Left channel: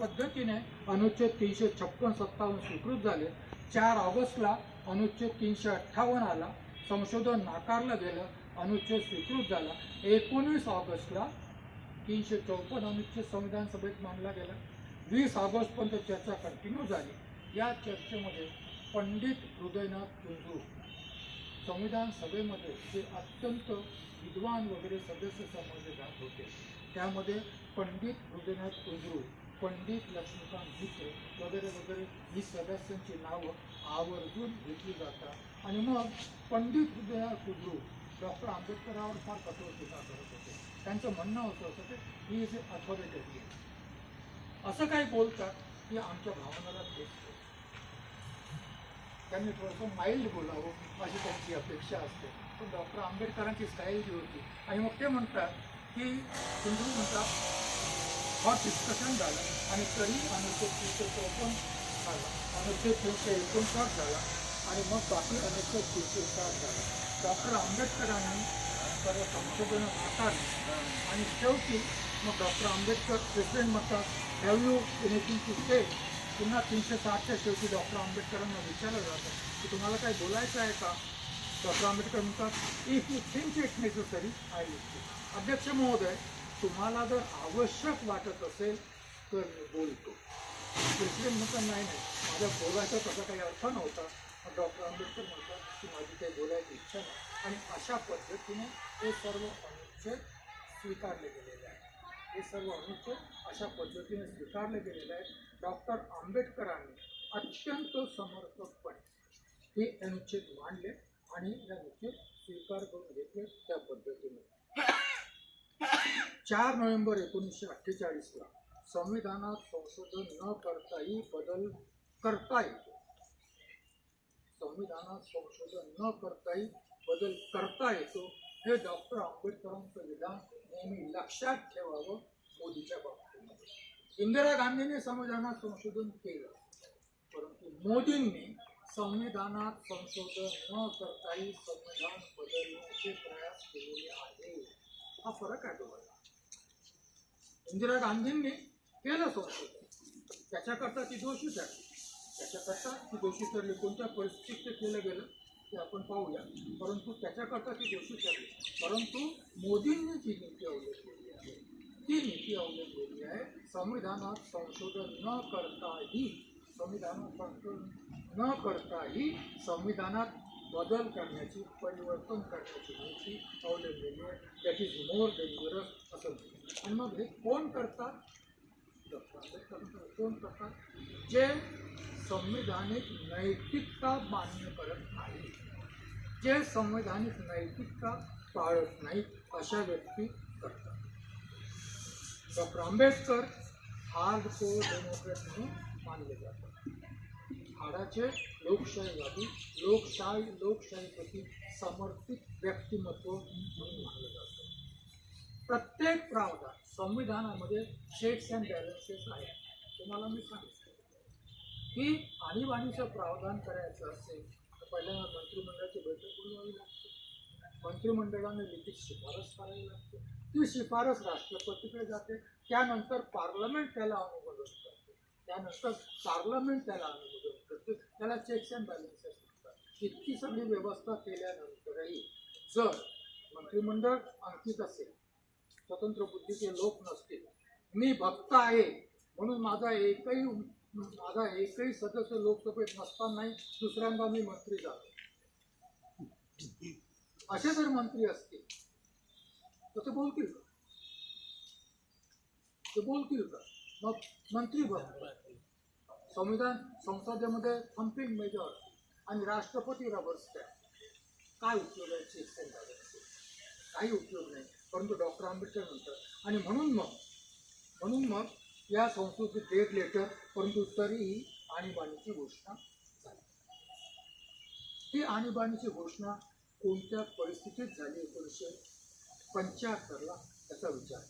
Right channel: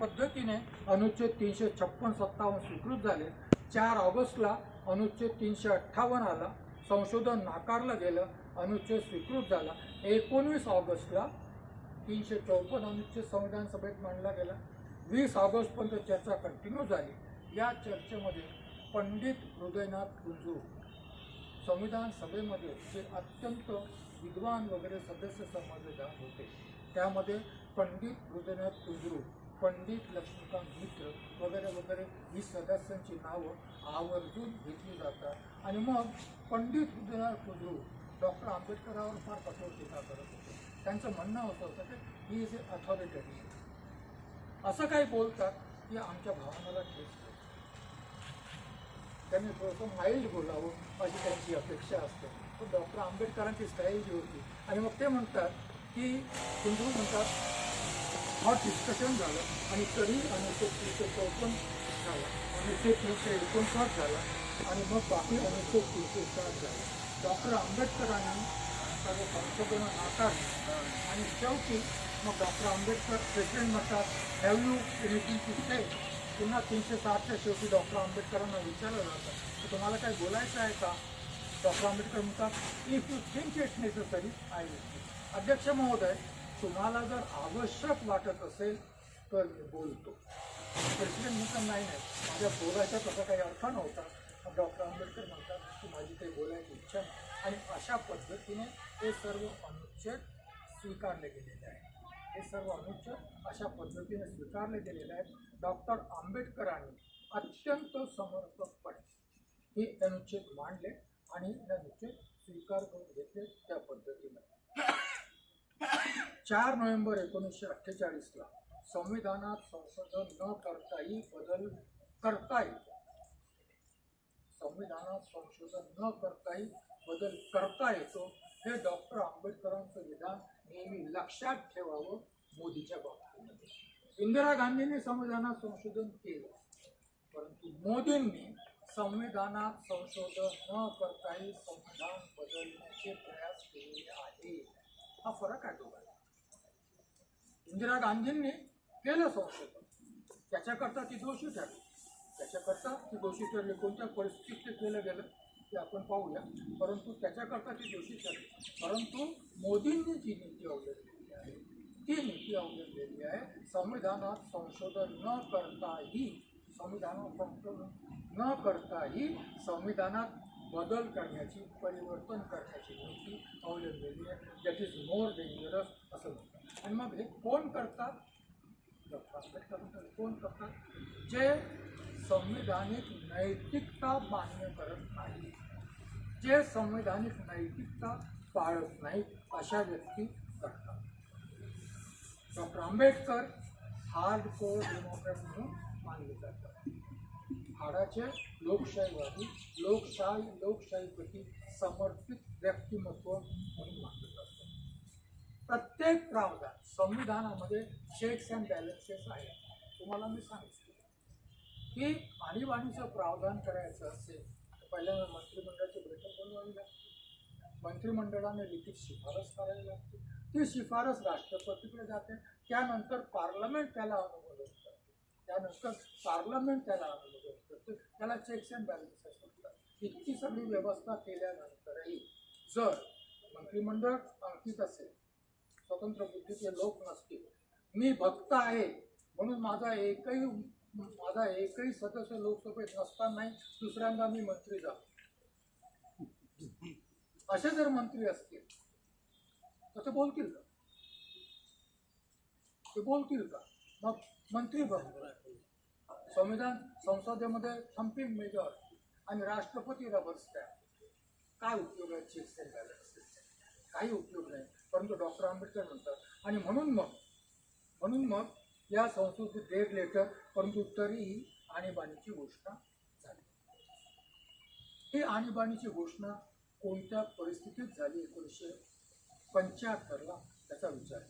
पद्धतीने अनुच्छेद 356-57 स्वीकृत झाले. 4 ऑगस्टला अनुच्छेद 358 आला, संशोधन नाकारलं गेलं, अनुच्छेद स्वीकृत झाला. 19 ऑगस्टला 354 अनुच्छेद संविधान सभेत मांडला गेला. 20 ऑगस्टपर्यंत चर्चा कंटिन्यू झाली. या चर्चेमध्ये पंडित हृदयनाथ कुंजरू संविधान सभेमध्ये जे अत्यंत विद्वान वगैरे सदस्य समजले जात होते, त्यामध्ये पंडित हृदयनाथ कुंजरू, पंडित लक्ष्मीकांत मित्र वगैरे वगैरे ही सदस्यांची नावं आवर्जून घेतली जातात. आणि मग पंडित हृदयनाथ कुंजरू डॉक्टर आंबेडकरांवर फार कठोर टीका करत होते. त्यांचं म्हणणं होतं की ही इज ए अथॉरिटरी. असं काही बोलतात की आमच्या भावनाला ठेच देतं. त्यांनी थोडंसं माइल्ड बोलावं अशी त्यांची अपेक्षा असते. पण डॉक्टर आंबेडकरांची स्टाईल जी होती. आणि मग ते म्हणतात की कुंजरू म्हणतात मग डिस्कशन झालं आणि तरी अनुच्छेद 354 झाला, अनुच्छेद 359 झाला आणि मग बाकी अनुच्छेद 307 झाला. डॉक्टर आंबेडकरांनी सर्व संशोधनं नाकारली आणि शेवटी मग डॉक्टर आंबेडकर प्रेसिडेंट म्हणतात हॅव यू एनिथिंग टू से. पुन्हा 360च्या शेवटी डॉक्टर आंबेडकरांना विचारलं जातं की तुम्हाला काय बोलायचं आहे का. डॉक्टर आंबेडकर म्हणतात if you think it's necessary I will. अध्यक्ष महोदय, तुम्हाला जर आवश्यक वाटत असेल तर बोलतो. प्रेसिडेंट म्हणतात नाही नाही, माझ्या बोलायचा तसा काही अर्थ नव्हता. डॉक्टर आंबेडकर म्हणतात की माझी काही बोलायची इच्छा नाही. आणि अशा पद्धतीने हे सर्व अनुच्छेद स्वीकारले गेलेले आहेत. हे सर्व अनुच्छेद अशा पद्धतीने स्वीकारले गेलेले आहेत. डॉक्टर आंबेडकरांनी अत्यंत समर्पकपणे हे अनुच्छेद मांडले आणि हे अनुच्छेद स्वीकार करून घेतले. त्या पद्धतीने 4 नोव्हेंबर 1948ला संविधानात संशोधन न करताही बदल करता येतो. संविधानात संशोधन न करताही बदल करता येतो हे डॉक्टर आंबेडकरांचं विधान नेहमी लक्षात ठेवावं. मोदीच्या बाबतीमध्ये इंदिरा गांधींनी संविधानात संशोधन केलं, परंतु मोदींनी संविधानात संशोधन न करताही संविधान बदलण्याचे प्रयास केलेले आहे. हा फरक आहे दोघांना. इंदिरा गांधींनी केलं संशोधन, त्याच्याकरता ती दोषी ठरली. त्याच्याकरता ती दोषी ठरली. कोणत्या परिस्थितीत ते केलं गेलं ते आपण पाहूया, परंतु त्याच्याकरता ती दोषी ठरली. परंतु मोदींनी जी नीती अवलंबलेली आहे ती नीती अवलंबलेली आहे संविधानात संशोधन न करताही, संविधानात संशोधन न करताही संविधानात बदल करण्याची, परिवर्तन करण्याची नीती अवलंबलेली आहे. दॅट इज मोर डेंजरस असं म्हणतात. आणि मग हे कोण करतात? डॉक्टर आंबेडकर कोण करतात? जे संविधानिक नैतिकता मान्य करत नाही, जे संविधानिक नैतिकता पाळत नाहीत, अशा व्यक्ती करतात. डॉक्टर आंबेडकर हार्डकोर डेमोक्रॅट म्हणून मानले जातात. हाडाचे लोकशाहीवादी, लोकशाहीप्रती समर्पित व्यक्तिमत्व म्हणून मानलं जातं. प्रत्येक प्रावधान संविधानामध्ये चेक्स अँड बॅलन्सेस आहे. तुम्हाला मी सांगतो की आणीबाणीचं प्रावधान करायचं असेल तर पहिल्यांदा मंत्रिमंडळाची बैठक बोलवावी लागते. मंत्रिमंडळाने लिखित शिफारस करावी लागते. ती शिफारस राष्ट्रपतीकडे जाते. त्यानंतर पार्लमेंट त्याला अनुमोदन करते. त्यानंतर पार्लमेंट त्याला अनुमोदन करते. त्याला चेक्स अँड बॅलन्सेस म्हणतात. इतकी सगळी व्यवस्था केल्यानंतरही जर मंत्रिमंडळ अंकित असेल, स्वतंत्र बुद्धीचे लोक नसतील, मी भक्त आहे म्हणून माझा एकही सदस्य लोकसभेत नसतानाही दुसऱ्यांदा मी मंत्री झालो, असे जर मंत्री असतील तर ते बोलतील का? ते बोलतील का? मग मंत्री भक्त, संसदेमध्ये थम्पिंग मेजॉरिटी आणि राष्ट्रपती रबर स्टॅम्प, काय उपयोग आहे चेक्स अँड बॅलन्सेस? काही उपयोग नाही. परंतु डॉक्टर आंबेडकर म्हणतात आणि म्हणून मग या संस्कृतीत डेड लेटर, परंतु तरीही आणीबाणीची घोषणा झाली. ही आणीबाणीची घोषणा कोणत्या परिस्थितीत झाली? 1975ला त्याचा विचार.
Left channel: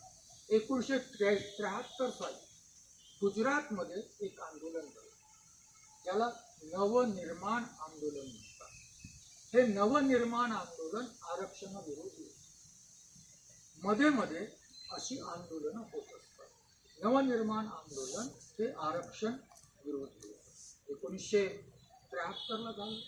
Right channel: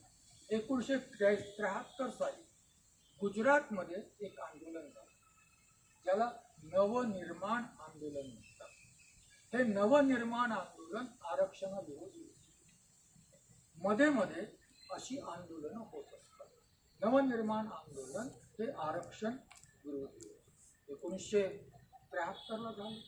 1973 साली गुजरातमध्ये एक आंदोलन झालं, ज्याला नवनिर्माण आंदोलन म्हणतात. हे नवनिर्माण आंदोलन आरक्षणाविरोधी होते. मध्ये मध्ये अशी आंदोलनं होत असतात. नवनिर्माण आंदोलन हे आरक्षण विरोधी. 1973ला झालं,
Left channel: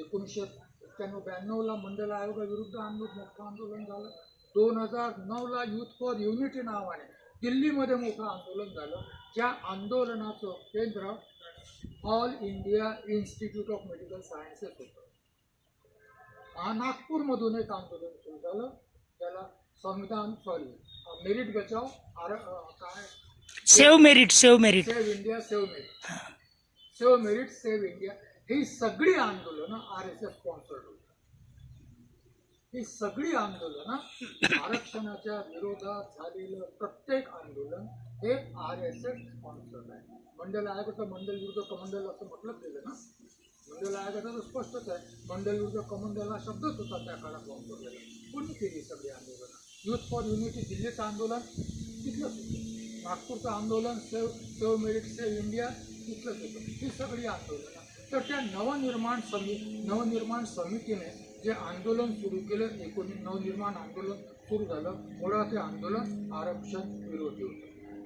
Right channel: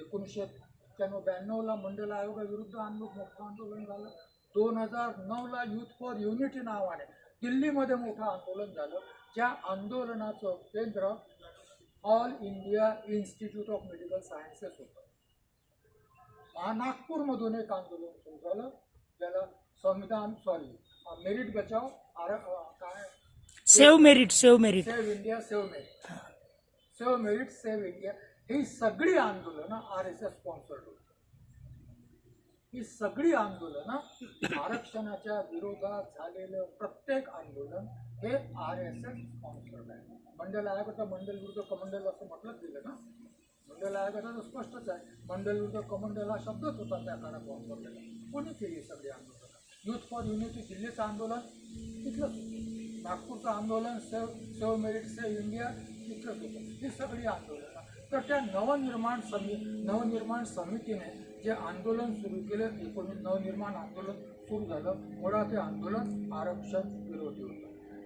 1991-92ला मंडेला आयोगाविरुद्ध मोठं आंदोलन झालं. 2009ला युथ फॉर युनिटी नावाने दिल्लीमध्ये मोठं आंदोलन झालं. ज्या आंदोलनाचं केंद्र all India institute of medical sciences होतं. नागपूरमधून एक आंदोलन सुरू झालं, ज्याला मेरिट बचाव काय save merit save India save India ही सगळी आंदोलनं RSS स्पॉन्सर्ड होती. ही सगळी आंदोलनं आरक्षणाच्या विरोधात झालेलं प्रत्येक आंदोलन हे RSS स्पॉन्सर्ड आहे. मंडल आयोगाचं मंडल विरुद्ध कमंडल असं म्हटलं गेलं ना. मंडल आयोगाचं स्पष्टच आहे, मंडल विरुद्ध कमंडल हा शब्दच होता त्या काळात वापरलेला. कोणी केली सगळी आंदोलनं? युथ फॉर युनिटी दिल्लीचं आंदोलन तिथलंच होतं, नागपूरचं आंदोलन सेव्ह मेरिट सेव्ह इंडिया तिथलंच होतं. ही सगळी आंदोलनं. तर त्या नवनिर्माण समितीने जे आंदोलन सुरू केलं, नवनिर्माण आंदोलन सुरू झालं. मुळात हे आंदोलन आरक्षण विरोधी होतं.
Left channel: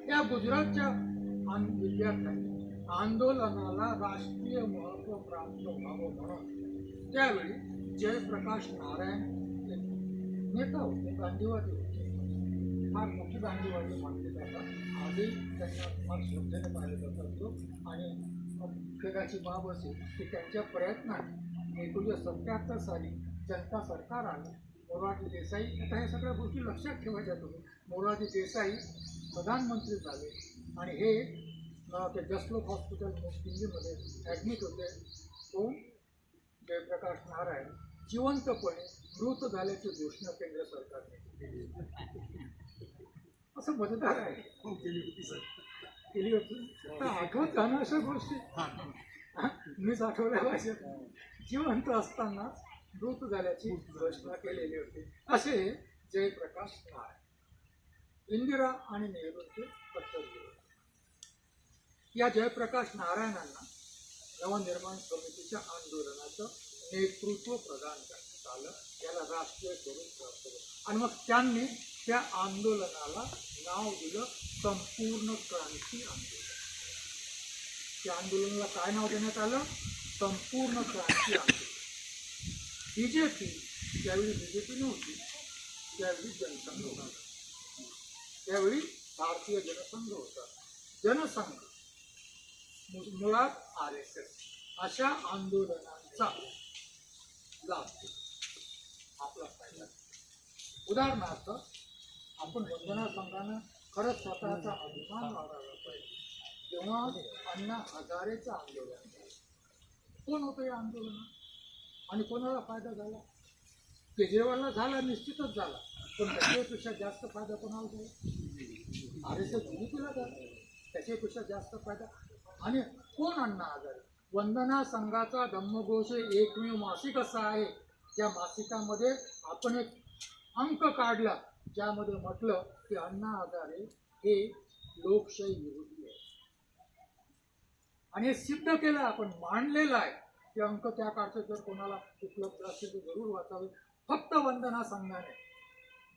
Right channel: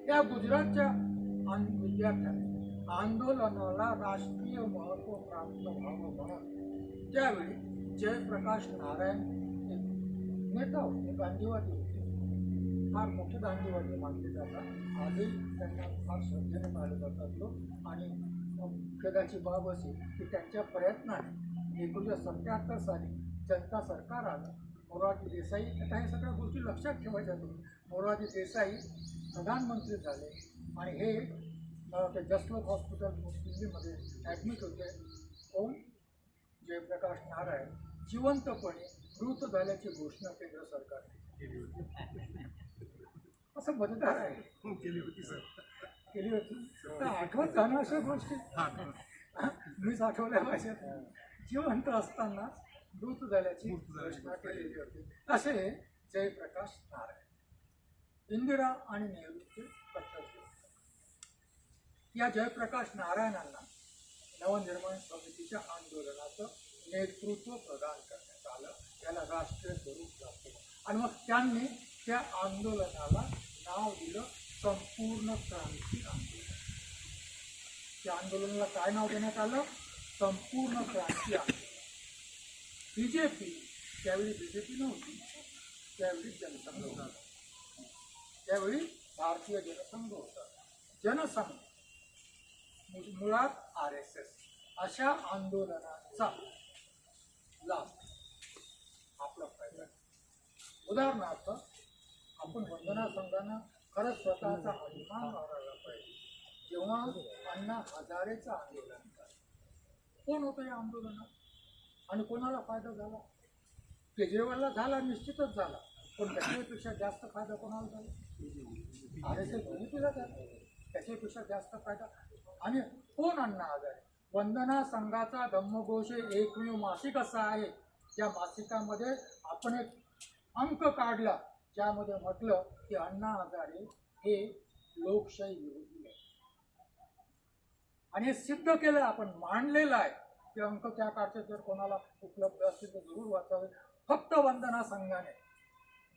या गुजरातच्या विद्यार्थ्यांनी आंदोलनाला राष्ट्रीय महत्व प्राप्त व्हावं म्हणून त्यावेळी जयप्रकाश नारायण नेता होते, गांधीवादी होते, फार मोठी गांधीवादी मानले जातात. आजही त्यांना फार श्रद्धेने पाहिलं जातात. आणि खेदाची बाब असेल की त्यांच्या प्रयत्नाने 1977 साली जनता सरकार आलं. मोरारजी देसाई, आता ह्या सगळ्या गोष्टी लक्षात ठेवायच्या तुम्ही. मोरारजी देसाई प्रधानमंत्री झाले आणि हे ते जसलोक हॉस्पिटल दिल्लीमध्ये ॲडमिट होते. कोण? जयप्रकाश नारायण जिवंतपणे मृत झाल्याची घोषणा केंद्र सरकारने केली होती. असं मतदार आहे केली होती. तर आठवत का ना अशा गोष्टी? मीच आठवल्या पाहिजे. जिवंत असताना मृत झाल्याची घोषणा केलेली होती. असे जयप्रकाश नारायण. इंदिरा आणि नेहरूंचे कर्तव्य. या जयप्रकाश नारायणांना नवनिर्माण समितीच्या आंदोलनाचं नेतृत्व प्रदान करण्यात आलं. याला राष्ट्रीय स्वरूप प्राप्त झालं. आणि मग त्यांनी त्या आंदोलनाला नाव दिलं संपूर्ण क्रांती आंदोलन. त्या आंदोलनाला काय नाव देण्यात आलं? संपूर्ण क्रांती आंदोलन. BJP, त्यावेळी BJP नव्हती, त्यावेळी जनसंघ होता. त्यावेळी भारतीय जनसंघ होता. जनसंघ मुळात RSS अशा आंदोलनांचा लाभ आपला फायदा. उदाहरणार्थ आपण वंदना संघानं खरंच स्वतःचा अभिमान वाढवला पाहिजे. जेव्हा अण्णा हजारेचं आंदोलन झालं, कोण होतं या आंदोलनात आणि कोणाला फायदा झाला? केजरीवालला झाला, निश्चितच झाला, पण त्याच्यापेक्षा जास्त फायदा कोणाला झाला? RSS BJPला झाला, त्याच्यापेक्षा जास्त फायदा. आणि कोण? अण्णा हजारे. वंदना संघाचा धम्मघोष एकमेव मासिक असा आहे ज्या मासिकामध्ये आपण एक अंक काढला ज्यामध्ये म्हटलं की अण्णा हजारे हे लोकशाही विरोधी आहे. आणि हे सिद्ध केलं, आपण मांडलेलं आहे. ते अंक त्या काळचे जर कोणाला उपलब्ध असतील तर जरूर वाचावे. फक्त वंदना संघाने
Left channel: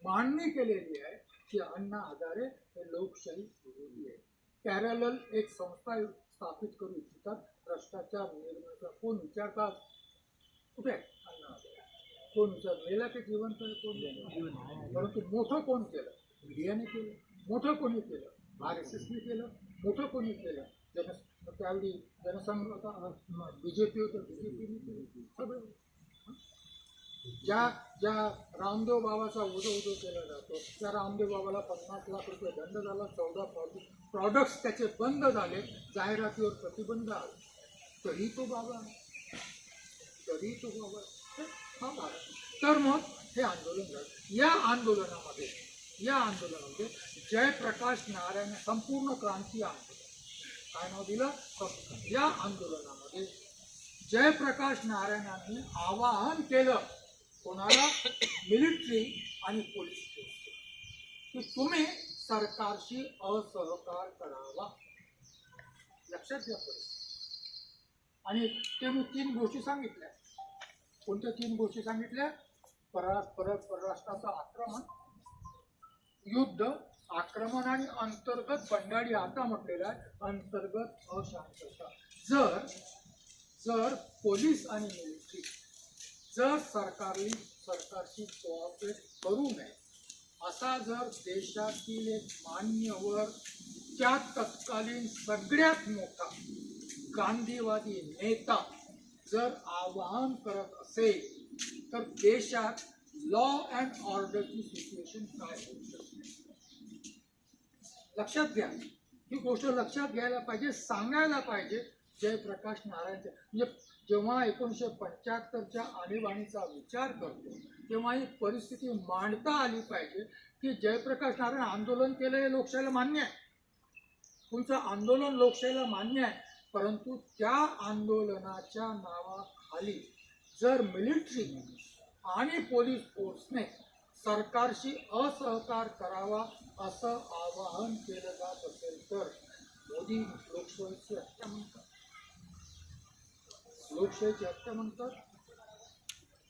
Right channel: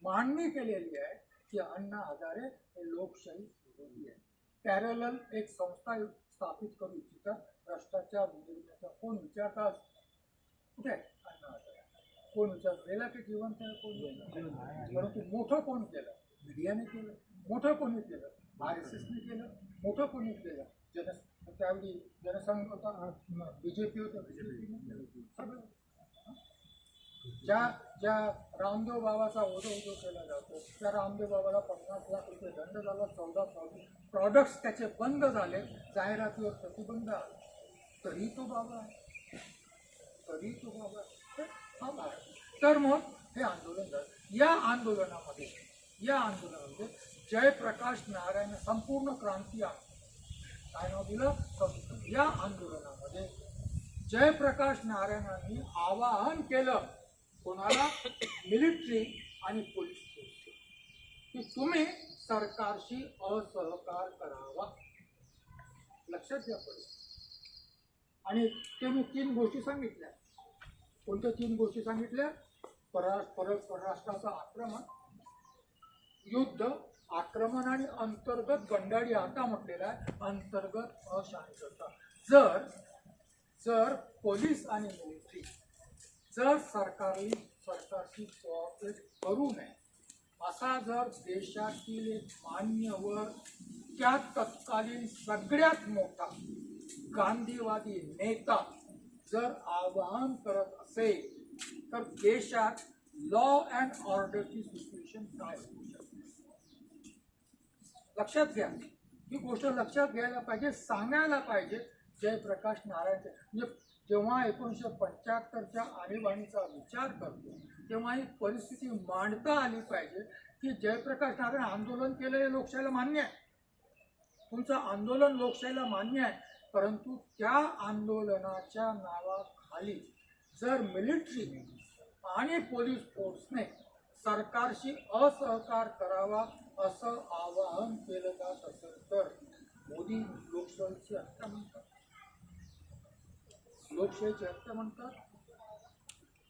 मांडणी केलेली आहे की अण्णा हजारे हे लोकशाही विरोधी आहे. पॅरलल एक संस्था स्थापित करू इच्छितात भ्रष्टाचार निर्मूलनाचा. कोण विचारतात? कुठे अण्णा हजारे? कोण विचार? मेला की जिवंत आहे? कोण? परंतु मोठं कोण केलं? मीडियाने केलं. मोठं कोणी केलं? RSSने केलं. मोठं कोणी केलं? त्यावेळी जनसंघ होता, BJP होतं, BJPने केलं सगळं. ज्या रामदेव बाबाचा उदो केला जातो त्या रामदेव बाबाला 50 लाख रुपये दंड झाला. 14 प्रॉडक्ट्स त्याचे बंद झाले, जाहिरातीवर प्रतिबंध आला, तरी तो बाबा आहे. हा भारत. तर मग हे आंदोलन झालं. या आंदोलनामध्ये जयप्रकाश नारायण संपूर्ण क्रांती आंदोलन काय नाव दिलं? या आंदोलनामध्ये जयप्रकाश नारायणांनी आवाहन केलं कोणाला? मिलिटरी आणि पोलीस की तुम्ही सरकारशी असहकार करावा. लक्षात घ्या परिस्थिती. आणि ते मी 3 गोष्टी सांगितल्या. कोणत्या 3 गोष्टी सांगितल्या? परराष्ट्राचं आक्रमण, युद्ध, आक्रमण आणि अंतर्गत बंडाळी, आता म्हटलेलं आहे अंतर्गत अशांतता. जर जर पोलीस आणि मिलिटरी जर सरकारशी कोऑपरेट करू नये असा जर देशातील एक मान्यवर, त्या तत्कालीन सगळ्यात मोठा गांधीवादी नेता जर आवाहन करत असेल तर देशात लॉ अँड ऑर्डरची सिच्युएशन काय होऊ शकते? लक्षात घ्या, ही गोष्ट लक्षात घ्यायला पाहिजे, सांगायला पाहिजे. जयप्रकाश नारायणचे म्हणजे जेव्हा 1975च्या आणीबाणीचा विचार करतो तेव्हा ही परिस्थिती मांडता आली पाहिजे की जयप्रकाश नारायण आंदोलन केलेले लोकशाहीला मान्य आहे, तुमचं आंदोलन लोकशाहीला मान्य आहे, परंतु त्या आंदोलनाच्या नावाखाली जर मिलिटरी आणि पोलीस फोर्सने सरकारशी असहकार करावा असं आवाहन केलं जात असेल तर मोदी लोकशाहीची हत्या म्हणतात, लोकशाहीची हत्या म्हणतात.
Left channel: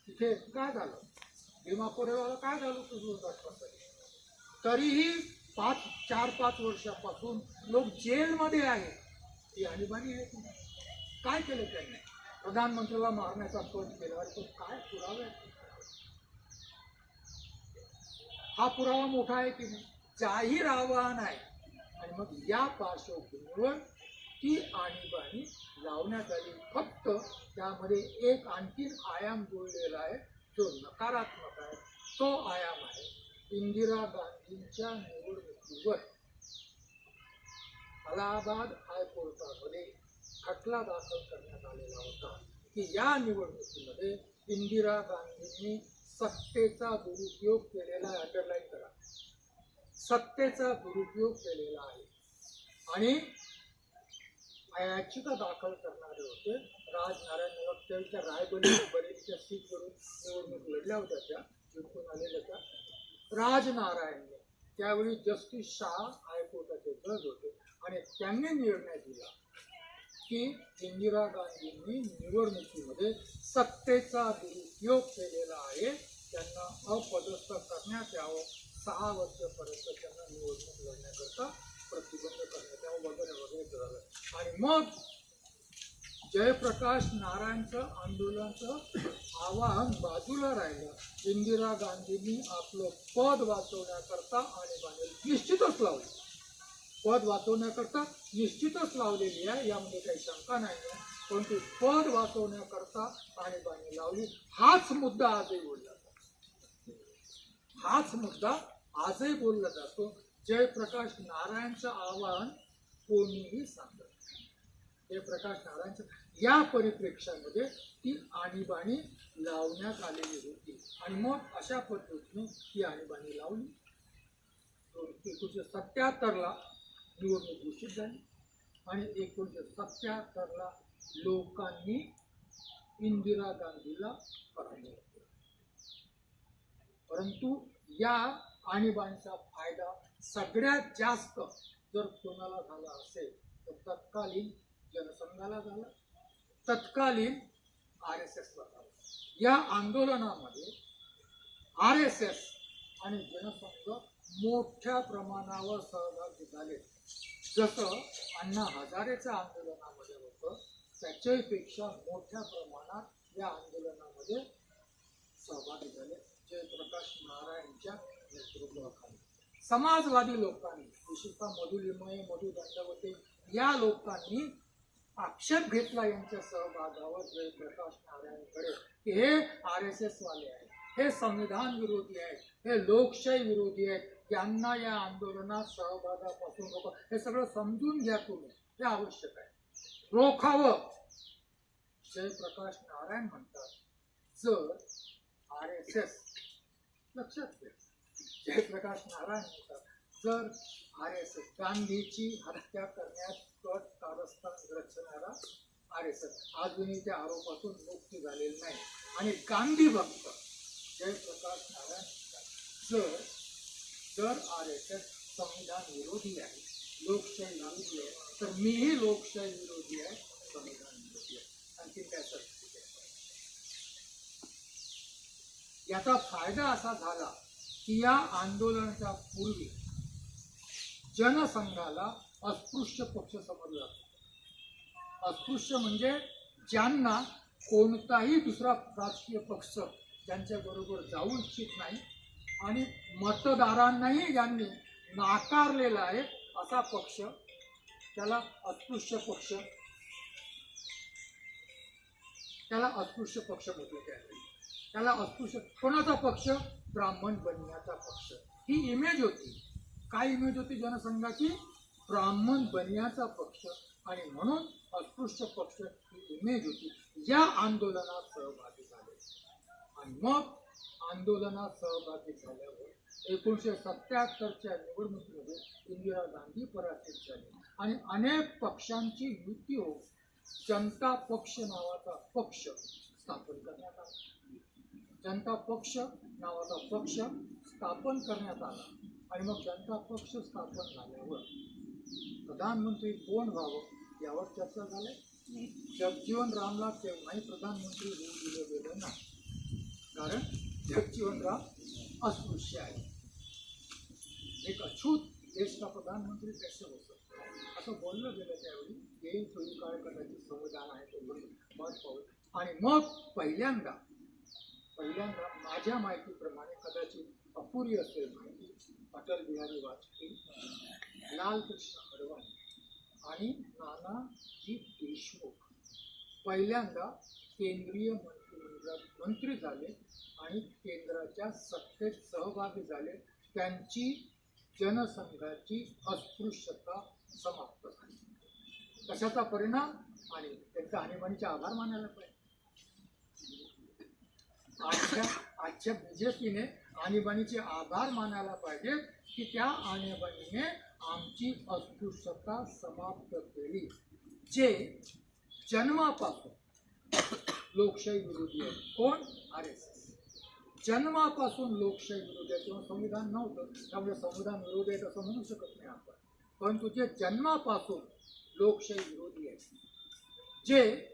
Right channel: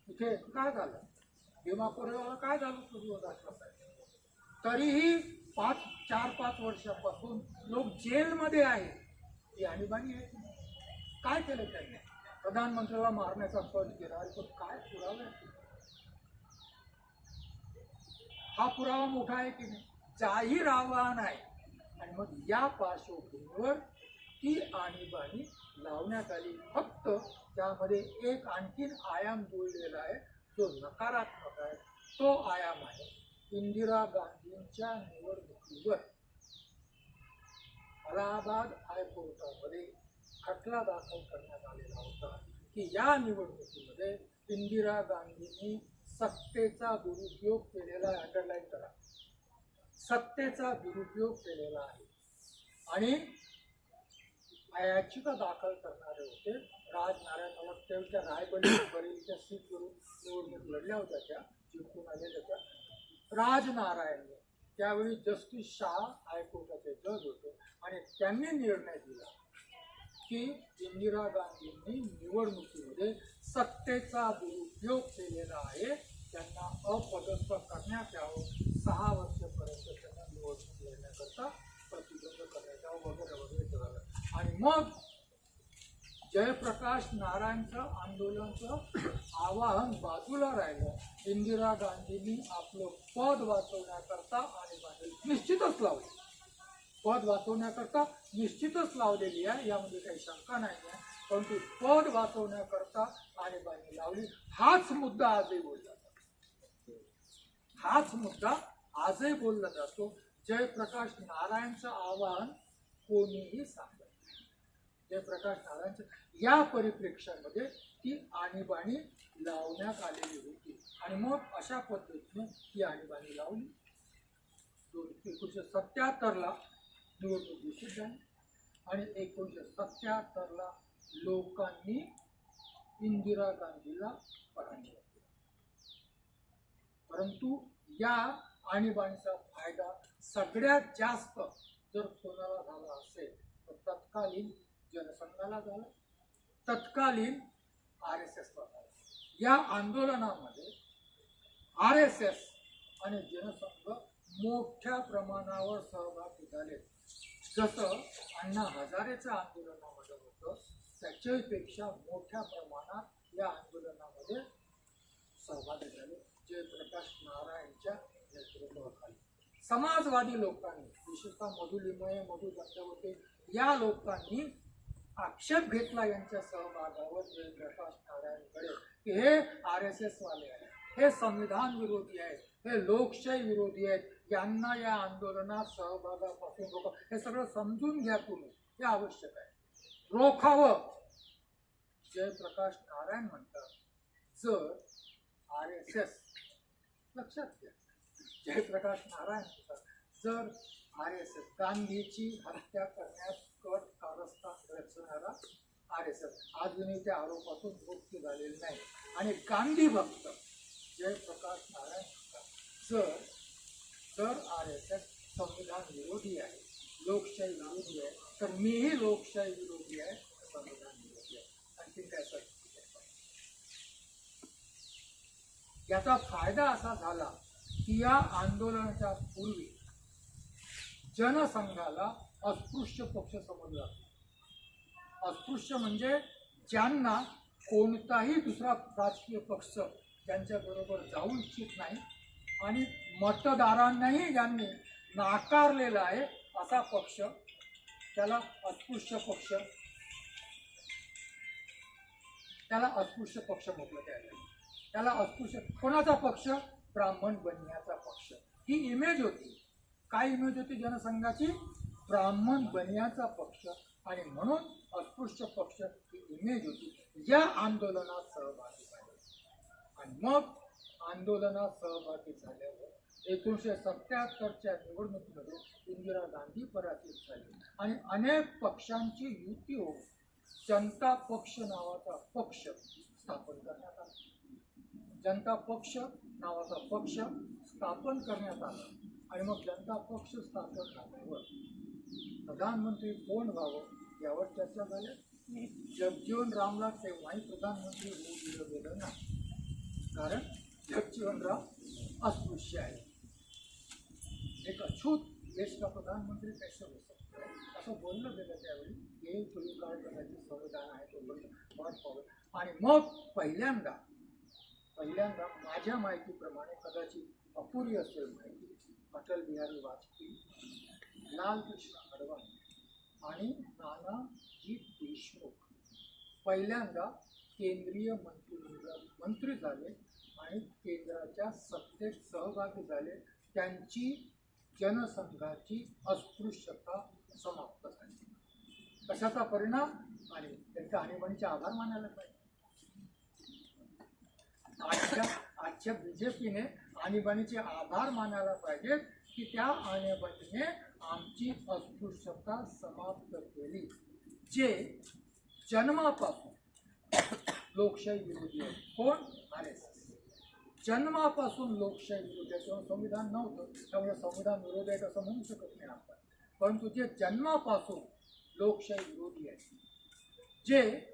तिथे काय झालं, भीमा कोरेगावला काय झालं तुझं राष्ट्रपती, तरीही 4-5 वर्षापासून लोक जेलमध्ये आहेत. ही आणीबाणी आहे की नाही? काय केलं त्यांनी? प्रधानमंत्र्याला मारण्याचा कट केला, तो काय पुरावा आहे? हा पुरावा मोठा आहे की नाही? जाहीर आवाहन आहे. आणि मग या पार्श्वभूमीवर ती आणीबाणी लावण्यात आली. फक्त त्यामध्ये एक आणखीन आयाम जुळलेला आहे जो नकारात्मक आहे. तो आयाम आहे इंदिरा गांधींच्या निवडणुकीवर अलाहाबाद हायकोर्टामध्ये खटला दाखल करण्यात आलेला होता की या निवडणुकीमध्ये इंदिरा गांधींनी सत्तेचा दुरुपयोग केलेला आहे. अंडरलाईन करा, सत्तेचा दुरुपयोग केलेला आहे. आणि याचिका दाखल करणारे होते राजनारायण नवक, त्या रायबरेलीच्या सीटवरून निवडणूक लढल्या होत्या, त्या जिंकून आलेल्या त्या राजनारायणने. त्यावेळी जस्टिस शाह हायकोर्टाचे जज होते आणि त्यांनी निर्णय दिला की इंदिरा गांधींनी निवडणुकीमध्ये सत्तेचा दुरुपयोग केलेला आहे, त्यांना अपदस्थ करण्यात यावं, 6 वर्षापर्यंत त्यांना निवडणूक लढण्याकरता प्रतिबंध करण्यात यावं वगैरे वगैरे झालं. आणि मग जयप्रकाश नारायणचं आंदोलनाचं आवाहन बाजूला राहिलं. इंदिरा गांधींनी आपलं पद वाचवण्याकरता आणीबाणी निश्चितच लावली, पद वाचवण्याकरता निश्चितच लावलेली आहे, यामध्ये काही शंका नाही आहे. परंतु पद वाचवण्याकरता आणीबाणी लावली, हाच मुद्दा आजही बोलला जातो, हाच मुद्दा आजही बोलला जातो. जयप्रकाश नारायणचं आवाहन कोणीही सांगत नाही. जयप्रकाश नारायणचं या परिप्रेक्ष्यामध्ये ती आणीबाणी लावण्यात आलेली होती. आणि मग अशा पद्धतीने ही आणीबाणी लावली. 1977ला निवडणूक घोषित झाली आणि 1977ला लोकांनी इंदिरा गांधीला पराभव केला. परंतु या आणीबाणीचा फायदा सगळ्यात जास्त जर कोणाला झाला असेल तर तत्कालीन जनसंघाला झाला, तत्कालीन RSSला झाला. या आंदोलनामध्ये RSS आणि जनसंघ मोठ्या प्रमाणावर सहभागी झाले. जसं अण्णा हजारेचं आंदोलनामध्ये होतं त्याच्यापेक्षा मोठ्या प्रमाणात या आंदोलनामध्ये सहभागी झाले जयप्रकाश नारायणच्या नेतृत्वाखाली. समाजवादी लोकांनी, विशेषतः मधु लिमये, मधु दंडवते या लोकांनी आक्षेप घेतला यांच्या सहभागावर जयप्रकाश नारायणकडे की हे RSS वाले आहेत, हे संविधान विरोधी आहेत, हे लोकशाही विरोधी आहेत, यांना या आंदोलनात सहभागापासून रोखा. हे सगळं समजून घ्या तुम्ही, हे आवश्यक आहे, रोखावं. जयप्रकाश नारायण म्हणतात जर RSS, लक्षात घ्या, जयप्रकाश नारायण म्हणतात जर RSS गांधीची हत्या करण्यात कट कारस्थान रचणारा RSS अजूनही त्या आरोपातून मुक्त झालेले नाही. आणि गांधी भक्त जयप्रकाश नारायण म्हणतात जर RSS संविधान विरोधी आहे, लोकशाही विरोधी आहे, तर मीही लोकशाही विरोधी आहे, संविधान विरोधी आहे. आणखी काय परिस्थिती आहे? याचा फायदा असा झाला की या आंदोलनाच्या पूर्वी जनसंघाला अस्पृश्य पक्ष समजला जातो. अस्पृश्य म्हणजे ज्यांना कोणताही दुसरा राजकीय पक्ष ज्यांच्याबरोबर जाऊ इच्छित नाही आणि मतदारांनाही ज्यांनी नाकारलेला आहे असा पक्ष, त्याला अस्पृश्य पक्ष, त्याला अस्पृश्य पक्ष म्हटलं त्याला. त्याला अस्पृश्य कोणाचा पक्ष? ब्राह्मण बनियाचा पक्ष. ही इमेज होती. काय इमेज होती जनसंघाची? ब्राह्मण बनियाचा पक्ष. आणि म्हणून अस्पृश्य पक्ष ही इमेज होती. या आंदोलनात सहभागी झाले आणि मग आंदोलनात सहभागी झाल्यावर 1977च्या निवडणुकीमध्ये इंदिरा गांधी पराजित झाली आणि अनेक पक्षांची युती होऊन जनता पक्ष नावाचा पक्ष स्थापन करण्यात आला. जनता पक्ष नावाचा पक्ष स्थापन करण्यात आला आणि मग जनता पक्ष स्थापन झाल्यावर प्रधानमंत्री कोण व्हावं यावर चर्चा झाल्या. जगजीवन रामला तेव्हाही प्रधानमंत्री होऊ दिलं गेलं नाही, कारण जगजीवनराम अस्पृश्य आहे. एक अछूत देश का प्रधानमंत्री कैसे हो सकता है असं बोललं गेलं त्यावेळी. येईल थोडी काळ कदाचित संविधान आहे तो मत पाहू. आणि मग पहिल्यांदा माझ्या माहितीप्रमाणे, कदाचित अपुरी असेल माहिती, अटल बिहारी वाजपेयी, लालकृष्ण अडवाणी आणि नानाजी देशमुख पहिल्यांदा केंद्रीय मंत्रिमंडळात मंत्री झाले आणि केंद्राच्या सत्तेत सहभागी झाले. त्यांची जनसंघाची अस्पृश्यता समाप्त झाली. कशाचा परिणाम? आणि त्यांच्या आणीबाणीचे आभार मानायला पाहिजे. आजच्या बीजेपीने आणीबाणीचे आभार मानायला पाहिजे की त्या आणीबाणीने आमची अस्पृश्यता समाप्त केली. जे जन्मापासून लोकशाही विरोधी आहे. कोण? RSS. जन्मापासून लोकशाही विरोधी आहे. तेव्हा संविधान नव्हतं, त्यामुळे संविधान विरोधी आहे असं म्हणू शकत नाही आपण. परंतु जे जन्मापासून लोकशाही विरोधी आहे, जे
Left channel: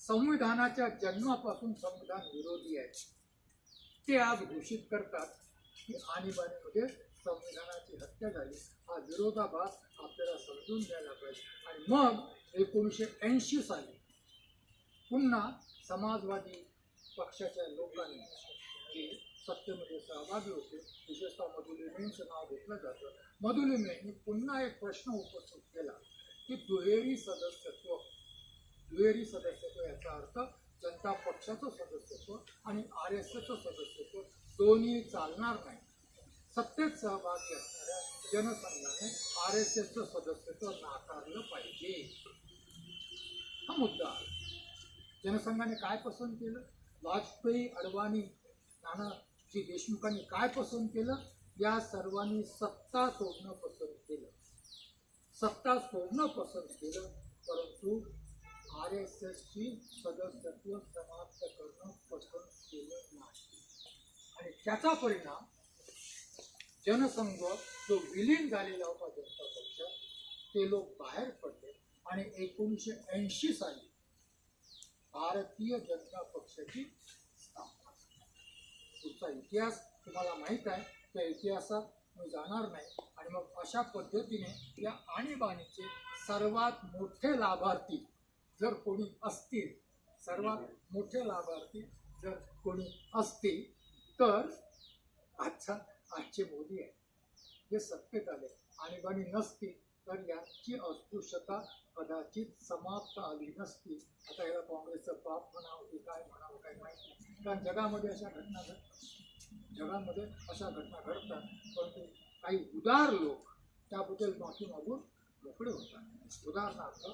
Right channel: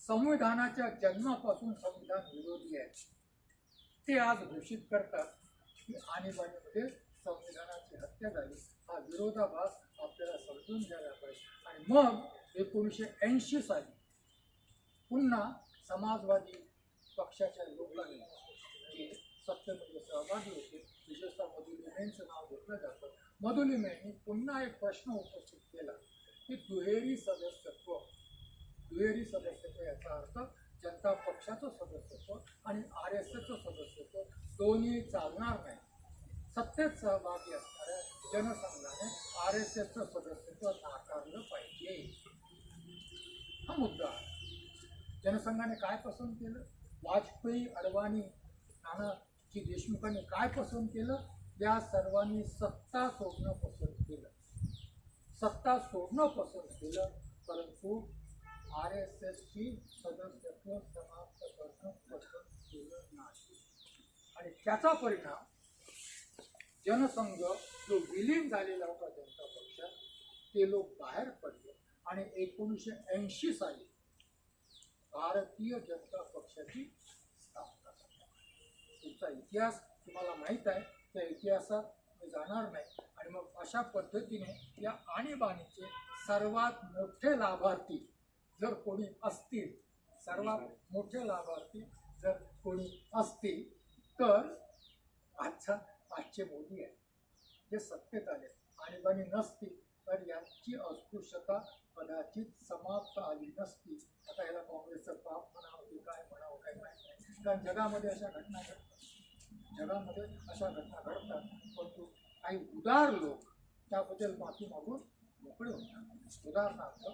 संविधानाच्या जन्मापासून संविधान विरोधी आहे, ते आज घोषित करतात की आणीबाणीमध्ये संविधानाची हत्या झाली. हा विरोधाभास आपल्याला समजून घ्यायला पाहिजे. आणि मग 1980 साली पुन्हा समाजवादी पक्षाच्या लोकांनी जे सत्तेमध्ये सहभागी होते, विशेषतः मधुलिमेंचं नाव घेतलं जातं, मधुलिमेंनी पुन्हा एक प्रश्न उपस्थित केला की दुहेरी सदस्यत्व याचा अर्थ जनता पक्षाचं सदस्यत्व आणि RSSचं सदस्यत्व दोन्ही चालणार नाही. सत्तेत सहभागी असणाऱ्या जनसंघाने RSSचं सदस्यत्व नाकारलं पाहिजे. हा मुद्दा आहे. जनसंघाने काय पसंत केलं? वाजपेयी, अडवाणी, नानाजी देशमुखांनी काय पसंत केलं? या सर्वांनी सत्ता सोडणं पसंत केलं. परंतु RSSची सदस्यत्व समाप्त करणं पसंत केलं नाही. आणि त्याचा परिणाम जनसंघ जो विलीन झालेला होता जनता पक्षात, ते लोक बाहेर पडले आणि 1980 साली भारतीय जनता पक्षाची स्थापना झाली. पुढचा इतिहास तुम्हाला माहीत आहे, त्या इतिहासात मी जाणार नाही. आणि मग अशा पद्धतीने या आणीबाणीचे सर्वात मोठे लाभार्थी जर कोणी असतील, तर आजचे मोदी आहे, जे सत्तेत आले. आणीबाणी नसती तर यांची अस्पृश्यता कदाचित समाप्त आली नसती. आता याला काँग्रेसचं पाप म्हणावं की काय म्हणावं काही माहीत नाही, कारण जगामध्ये अशा घटना घडतात. परंतु काही उदार लोक त्याबद्दल माफी मागून मोकळे होतात. उदाहरणार्थ,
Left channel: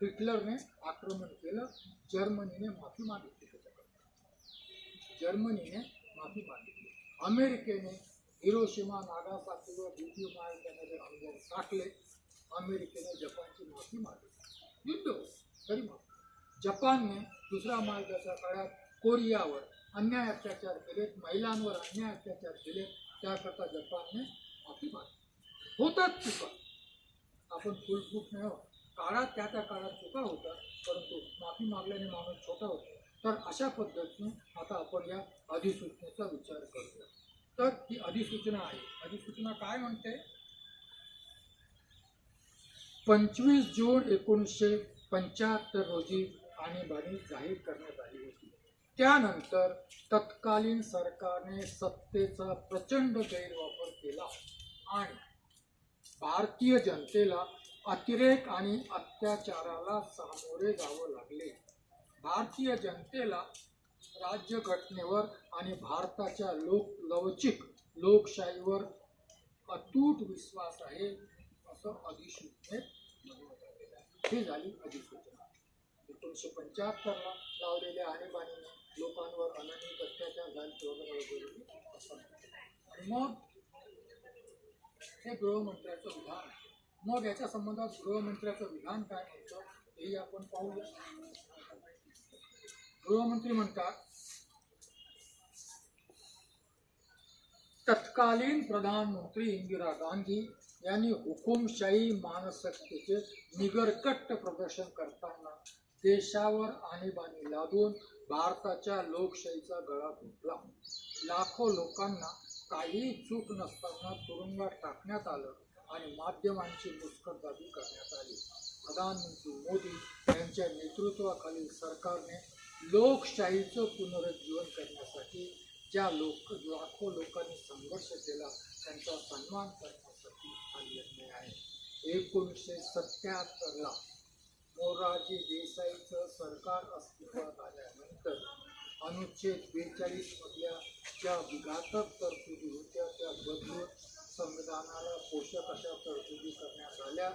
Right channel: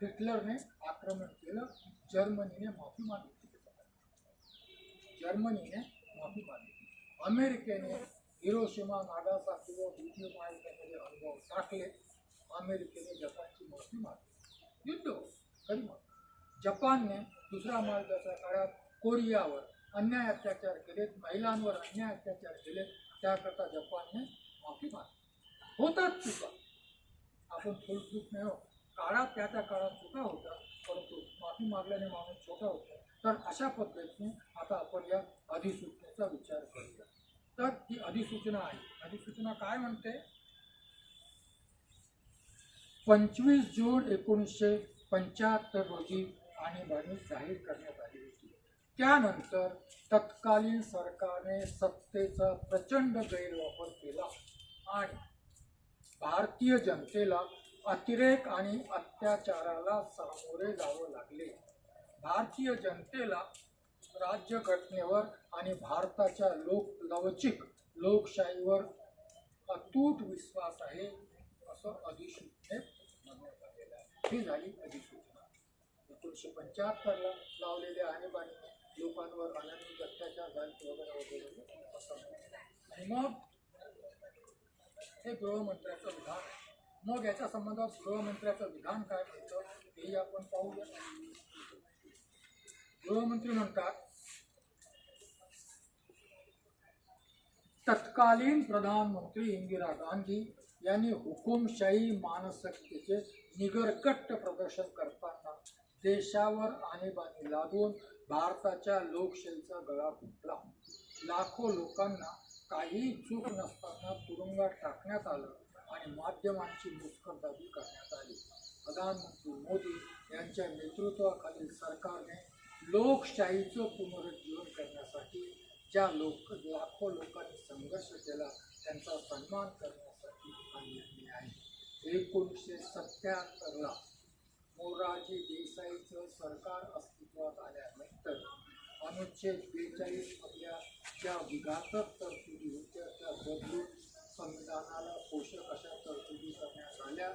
हिटलरने आक्रमण केलं, जर्मनीने माफी मागितली. अमेरिकेने हिरोशिमा, नागासाकीवर द्वितीय महायुद्धामध्ये अनुभव टाकले. अमेरिकेने जपानची माफी मागितली. युद्ध हो तरी मग जपानने दुसऱ्या महायुद्धाच्या काळात कोरियावर अन्याय अत्याचार केलेत, महिलांवर अन्याय अत्याचार केले, त्याकरता जपानने माफी मागितली. होतात चुका, आपण फुलफूट नाही हो. त्या काळात चुका होतात, परंतु माफी मागल्याने माणूस छोटा होतो. तर अशा पद्धतीने आता आपण या अधिसूचनेचा विचार करूया. तर ही अधिसूचना आहे. अधिसूचना काय म्हणते? 25 जून 1975 रोजी आणीबाणी जाहीर करण्यात आली होती. त्यानंतर तत्कालीन सरकारने सत्तेचा प्रचंड गैरवापर केला आणि भारतीय जनतेला अतिरेक आणि अत्याचाराला सामोरे जावं लागले. भारतीय जनतेला राज्यघटनेवर आणि भारताच्या लवचिक लोकशाहीवर अतूट विश्वास आहे असं अधिसूचनेत म्हणण्यात आलेलं आहे. ही झाली अधिसूचना. 1975ला लावलेल्या आणीबाणीने लोकांवर अनन्य अत्याचार झाले वगैरे वगैरे असं. आणि मग हे गृहमंत्र्याचं विधान आहे. मग याच्या संबंधात गृहमंत्र्याचं विधान काय म्हणतं हेही आपण पाहूया. गृहमंत्री म्हणतात, तत्कालीन प्रधानमंत्री इंदिरा गांधी यांनी हुकुमशाही मानसिकतेचे निगरकट्ट प्रदर्शन करताना देशावर आणीबाणी लादून भारताच्या लोकशाहीचा गळा घुटला. लाखो लोकांना काही चूक नसताना तुरुंगात टाकण्यात आलं आणि माध्यमांची मुस्कटदाबी करण्यात आली. प्रधानमंत्री मोदी यांच्या नेतृत्वाखालील सरकारने लोकशाहीचं पुनरुज्जीवन करण्यासाठी ज्या लाखो लोकांनी संघर्ष केला त्यांचा सन्मान करण्यासाठी हा निर्णय आहे. 1977ला मोरारजी देसाईचं सरकार अस्तित्वात आल्यानंतर अनुच्छेद 42 मधल्या ज्या विघातक तरतुदी होत्या त्या बदलून संविधानाला पोषक अशा तरतुदी करण्यात आल्या.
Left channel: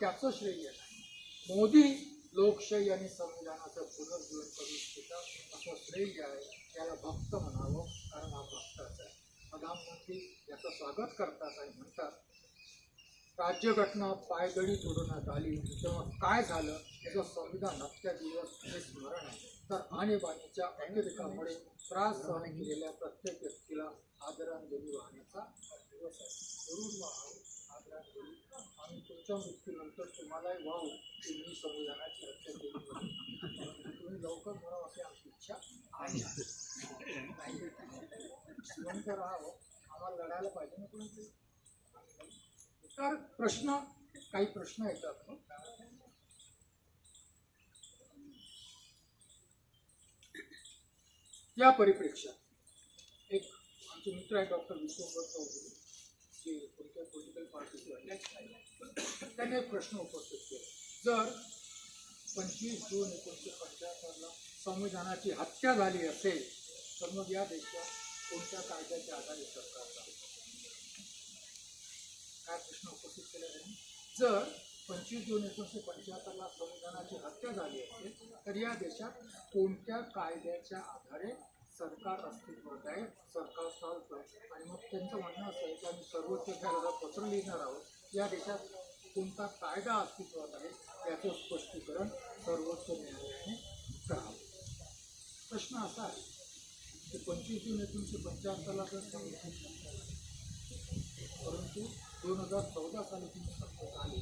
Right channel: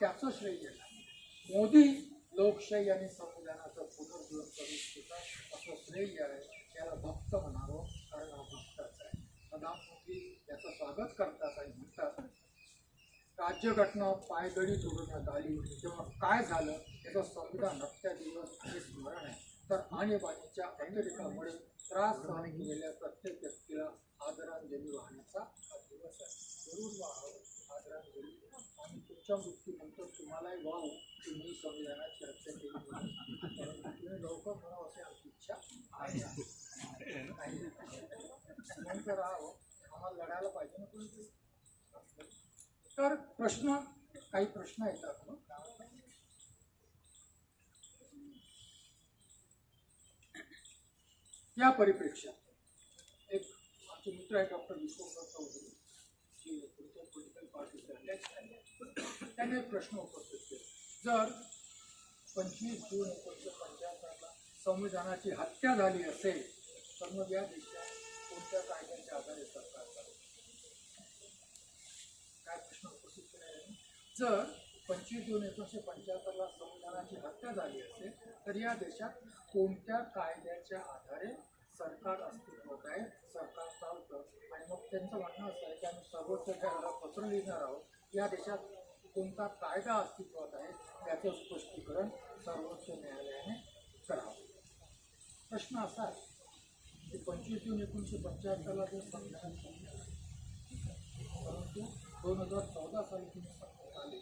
त्याचं श्रेय नाही. मोदी लोकशाही आणि संविधानाचं पुनर्जीवन करू इच्छितात असं श्रेय आहे. त्याला भक्त म्हणावं, कारण हा भक्ताच आहे. प्रधानमंत्री याचं स्वागत करतात आणि म्हणतात, राज्यघटना पायदळी तोडण्यात आली तेव्हा काय झालं याचं संविधान हत्या दिवस हे स्मरण आहे. तर आणीबाणीच्या अतिरेकामुळे त्रास सहन केलेल्या प्रत्येक व्यक्तीला आदरांजली वाहण्याचा हा दिवस आहे. जरूर वाहावं आदरांजली. आणि तुमच्या मृत्यूनंतर तुम्हालाही वाहू की मी संविधानाची हत्या केली म्हणून. तुम्ही लवकर म्हणावं अशी आमची इच्छा आहे. जिवंत राहावं, आम्हाला लढायला पाहिजे ना कोणीतरी. तर काही प्रश्न येतात मग. या परिप्रेक्षात एक आमचे मित्र आहे डॉक्टर विश्वंभर चौधरी, जे कोणत्या पॉलिटिकल पार्टीचे अध्यक्ष आहेत, त्यांनी एक प्रश्न उपस्थित केला. जर 25 जून 1975ला संविधानाची हत्या झाली असेल तर मग या देशात कोणत्या कायद्याच्या आधारे सरकार चालू? काय प्रश्न उपस्थित केला आहे? जर 25 जून 1975ला संविधानाची हत्या झाली असेल तर या देशात कोणत्या कायद्याच्या आधारे सरकार अस्तित्वात आहे, सरकार चालतं? आणि मग त्यांचं म्हणणं असं आहे की आम्ही सर्वोच्च न्यायालयाला पत्र लिहिणार आहोत. या देशात कोणता कायदा अस्तित्वात आहे याचं स्पष्टीकरण सर्वोच्च न्यायालयाने करावं. प्रश्न असा आहे की 25 जून 1975ला जर संविधानाची हत्या झाली, परंतु 2014 साली तुम्ही सत्तेत आले,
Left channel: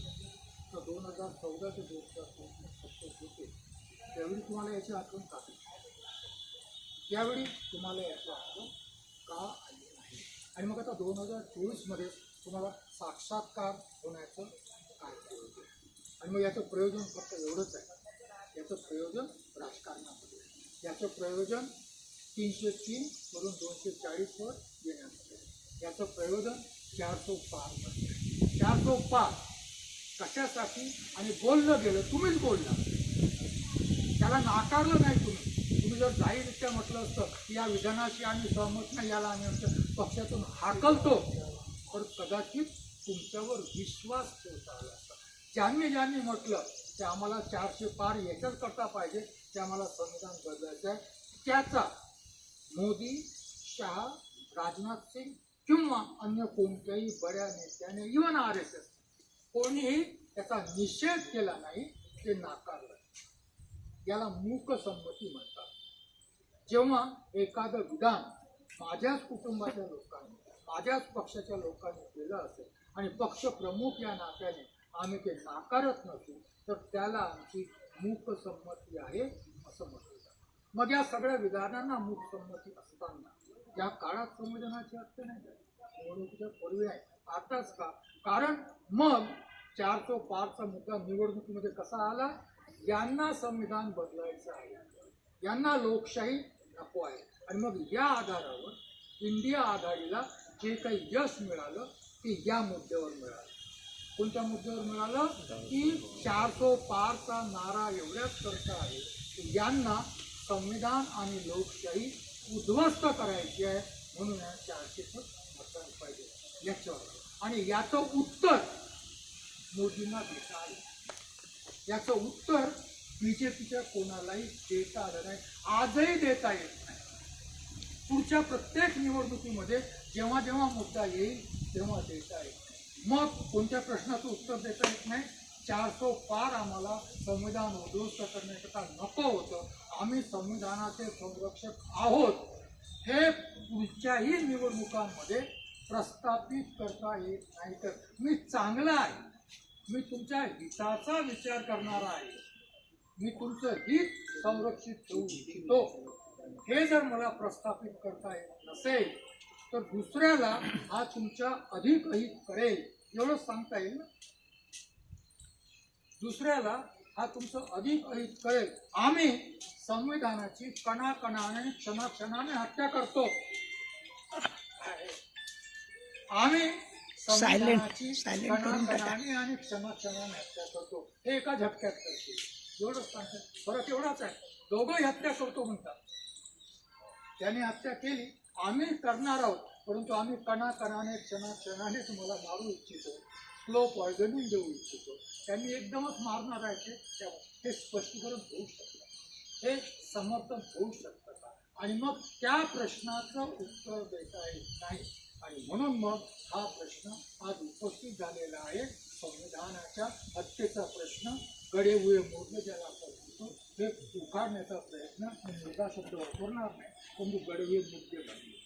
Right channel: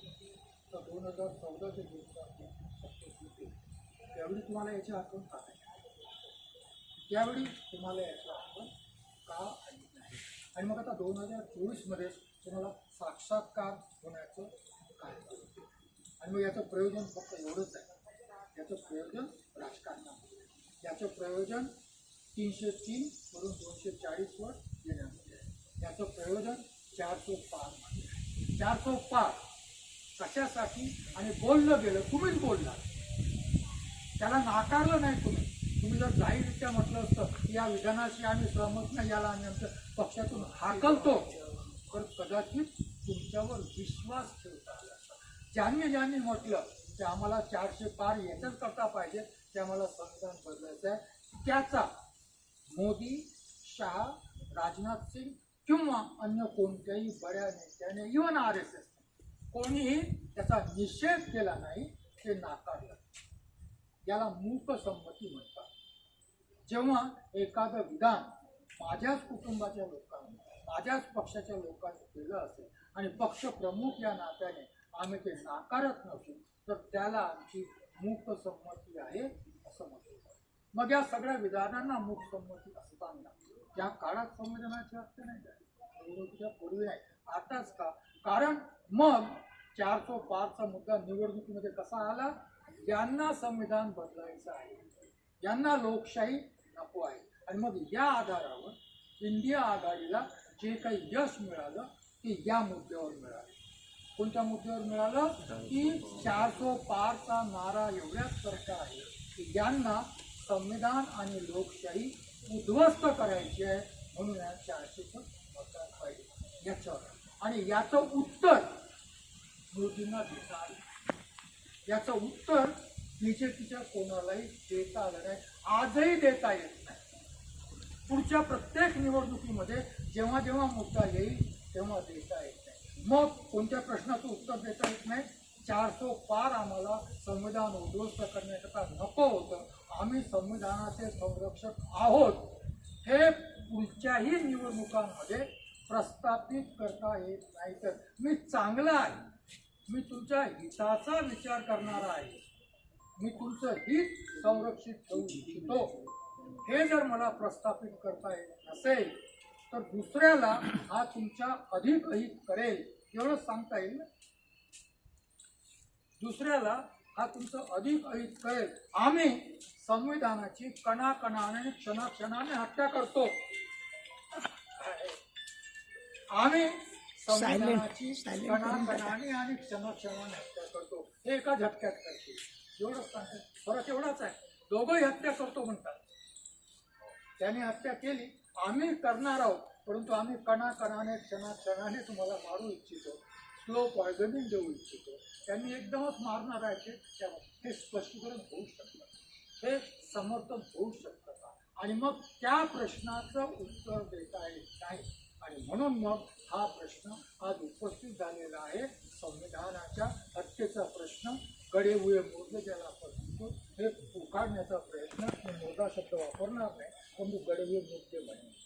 तर 2014 ते 2024 सत्तेत होते त्यावेळी तुम्हाला याची आठवण का नाही? यावेळी तुम्हाला याची आठवण का आली नाही? आणि मग आता 2024मध्ये तुम्हाला साक्षात्कार होण्याचं काय होते? आणि मग याचं प्रयोजन फक्त एवढंच आहे, याचं प्रयोजन राजकारणामध्ये, याचं प्रयोजन 303 वरून 240 वर येण्यामध्ये आहे, याचं प्रयोजन 405 मध्ये आहे. 405 कशासाठी? आणि बोललं गेलं, तुम्हीच बोलला, त्याला नाकारलं नाही तुम्ही. तुम्ही जर जाहीररित्या म्हटलं असतं की या विधानाशी आम्ही सहमत नाही, याला आम्ही आमच्या पक्षातून हाकलतो, तर कदाचित तुमच्यावर विश्वास ठेवता आला असता. ज्यांनी म्हटलं ते आम्हाला 400 पार याच्याच करता पाहिजे, ते आम्हाला संविधान बदलायचं आहे, त्याचा मोदी, शहा, राजनाथ सिंग किंवा अन्य कोणत्याही बड्या नेत्याने, इव्हन RSS कोणीही त्याचा निषेध केला नाही, ते नाकारलं. याला मूकसंमती म्हणतात. जेव्हा एखादं विधान माझ्याच कुटुंबाच्या लोकांनी, माझ्याच पक्षाच्या लोकांनी केलं असेल आणि पक्ष प्रमुख या नात्याने आम्ही ते नाकारत नसू, तर त्याला आमची मूकसंमती आहे असं म्हटलं जातं. मग या सगळ्या विधानांना मूकसंमती असताना या काळात संविधानाची हत्या नाही झाली, निवडणुकीच्या पूर्वी नाही, आताच का? कारण मग 405चा मुद्दा निवडणुकीमध्ये कसा आला? यांना संविधान बदलायचं आहे, यांना लोकशाही नको आहे. आणि मग या आधारावर इंडिया आघाडीला जे काही यश मिळालं ते या मुद्द्यावर मिळालं. कोणत्या मुद्द्यावर मिळालं? की 405चा नारा एवढ्याच करता आहे की यांना संविधान आणि लोकशाही उद्ध्वस्त करायची आहे, म्हणून या 400चं मतदान पाहिजे याच्यावर. आणि याचं उत्तर मोदींना देता आलं. याचं उत्तर बीजेपीच्या कोणालाही देता आलं नाही, आजही देता येत नाही. पुढच्या प्रत्येक निवडणुकीमध्ये जेव्हा जेव्हा मुद्दा येईल तेव्हा देता येत नाही. मग कोणत्या प्रश्नाचं उत्तर देता येत नाही? 405 आम्हाला संविधान उद्ध्वस्त करण्याकरता नको होतं, आम्ही संविधानाचे संरक्षक आहोत, हे पुढच्याही निवडणुकांमध्ये प्रस्थापित करता येत नाही. तर मी चांगला आहे, मी तुमच्या हिताचा विचार करणारा आहे, मी तुमचं हित संरक्षित ठेवू इच्छितो, हे जर मला प्रस्थापित करता येत नसेल तर दुसऱ्याला हा तुमच्या अधिक अहित करेल एवढं सांगता येईल ना. दुसऱ्याला हा तुमचं अधिक अहित करेल. आम्ही संविधानाची कणाकणाने क्षणाक्षणाने हत्या करतो. आम्ही संविधानाची कणाकणाने आणि क्षणाक्षणाने हत्या करतो, हे एका झटक्यात करते एवढंच सांगतात. फरक एवढाच आहे, दोघंही हत्या करतो म्हणतात. त्याने हत्या केली, आम्ही करणार आहोत, परंतु आम्ही कणाकणाने क्षणाक्षणाने तुम्हाला मारू इच्छितो, स्लो पॉयझनिंग देऊ इच्छितो. त्यांनी एकदमच मारणार आहे हे स्पष्टीकरण होऊ शकतं, हे समर्थन होऊ शकतं का? आणि मग त्या प्रश्नाचं उत्तर देता येत नाही. आणि म्हणून मग हा प्रश्न आज उपस्थित झालेला आहे. संविधानाच्या हत्येचा प्रश्न, गडेबुळे मोडले ज्याला आपण म्हणतो, हे उखाडण्याचा प्रयत्न. मी मुद्दा शब्द वापरणार नाही, परंतु गडेबुळे मुद्दे म्हणणे,